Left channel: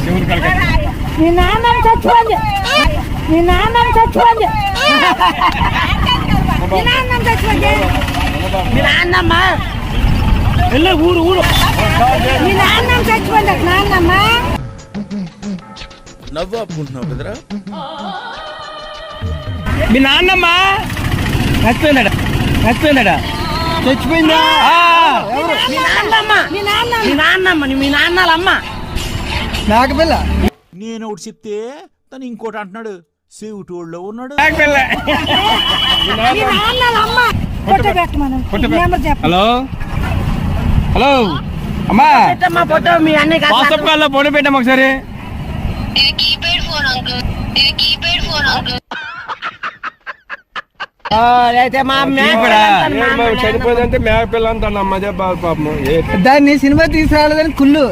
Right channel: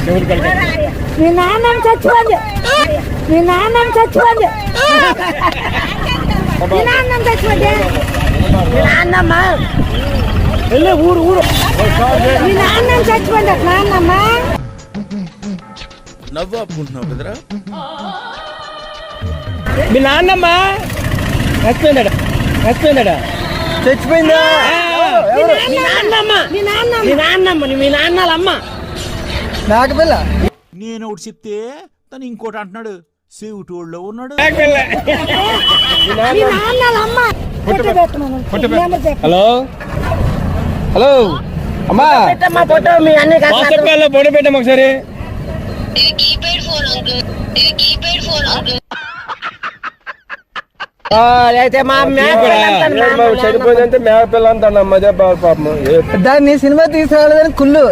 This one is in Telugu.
మీ నాన్న చచ్చిపోంది మీ నాన్న చచ్చిపోంది మీ నాన్న చచ్చిపోంది మీ నాన్నమ్మ వెళ్ళి ఊరు మీ నాన్న చచ్చిపోండి నాన్నమ్మ నవ్వు ఆపుకుంటున్నావు కదరా. మీ నాన్నమ్మ చచ్చిపోయిందా చచ్చిపోయిందా మీ నాన్నమ్మ మీ నాన్నమ్మ నాకు పిల్ల నేను ఒకటి చెప్తే తను ఇంకోటి అంటున్నాడు. సేవుటోళ్ళలో ఉన్నాడు. హలో హలో అమ్మా ఫోటో మీ అన్ని వాట్సాప్ కాల్లో ఫోటో పెట్టాము ఒకసారి. అయితే మా చనిపోయిందంటే మేక పిల్ల అంటాను అమ్మ. పాపం దాన్ని సినిమా తీసుకురాలేదని కుళ్ళు